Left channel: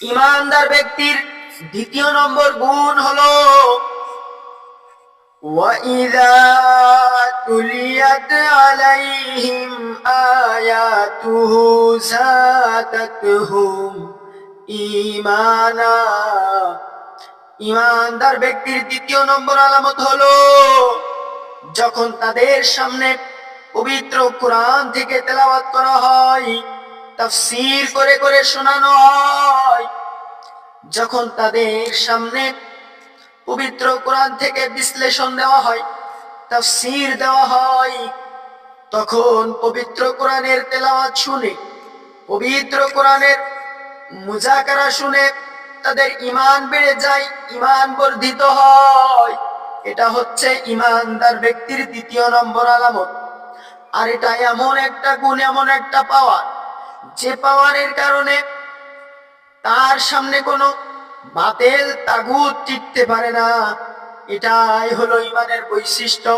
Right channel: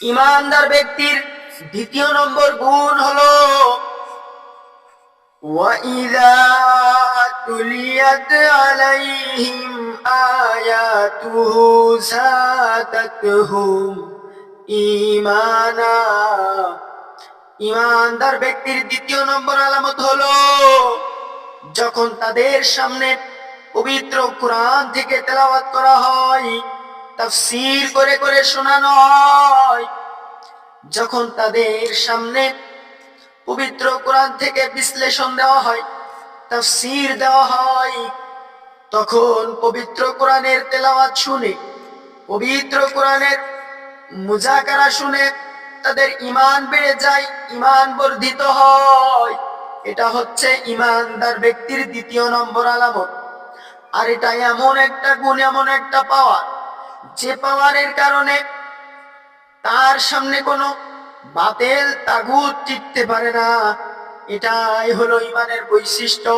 ইমানদার ব্যক্তির দ্বিতীয় নম্বর গুণ হলো وَإِذَا تُلِيَتْ عَلَيْهِمْ آيَاتُهُ زَادَتْهُمْ ঈমানা। ইমানদার ব্যক্তির দ্বিতীয় নম্বর আলামত হলো যখন তাদের সামনে পবিত্র কোরআন থেকে তেলাওয়াত করা হয়, তাফসীর করে করে শোনানো হয়, যখন তাদের সামনে পবিত্র কোরআন থেকে বিশ্লেষণ দেওয়া হয়, তাফসীর দেওয়া হয়, তখন পবিত্র কোরআনের তেলাওয়াত শুনে, পবিত্র কোরআনের মুজাকারা শুনে তাদের ঈমান বেড়ে যায়, ঈমান বর্ধিত হয়। এটা হচ্ছে ঈমানদার ব্যক্তির দ্বিতীয় নম্বর আলামত। আর এটা এমন একটা গুণ, এমন একটা পাওয়ার, যে পাওয়ারের কারণে তার সামনে কোনো বাতিল তাগুত টিকতে পারে না। এটাই হলো ঈমানের বৈশিষ্ট্য।